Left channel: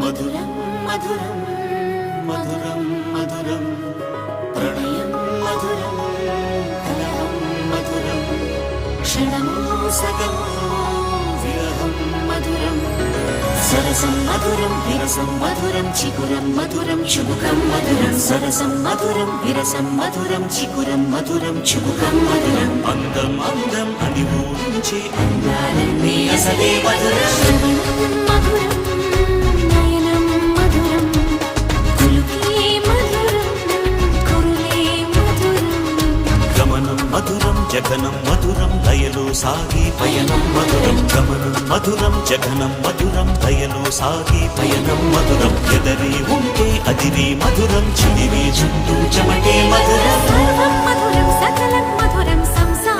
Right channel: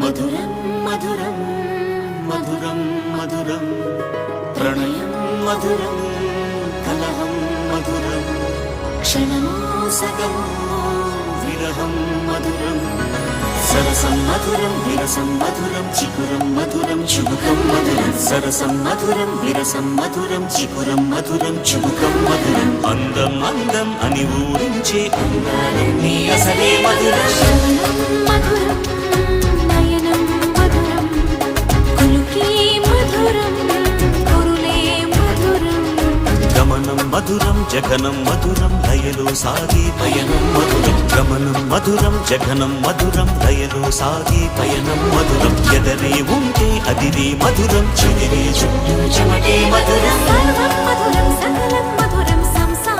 మధురం మధురం మధురం మధురం ప్రణయం మధురం కలహం మధురం క్షణము సగము విరహం మధురం సరసం మధురం విరసం మధురం చికురం మధురం చుబుకం మధురం సరసం మధురం విరసం మధురం చికురం మధురం చుబుకం మధురం అందం అందం అని ఊరించే అందాలన్నీ అసలే మధురం శ్రవణం మధురం నయనం మధురం కులుకే మధురం కురులే మధురం గమనం మధురం జగనం మధురం లయలో సాగే పయనం మధురం గమనం మధురం జగనం మధురం లయలో సాగే పయనం మధురం ఎదరే ఉంటే అదిరే మధురం చెదిరే చుట్టూ చెమటే మధురం సర్వం మధురం సకలం మధురం సంసారం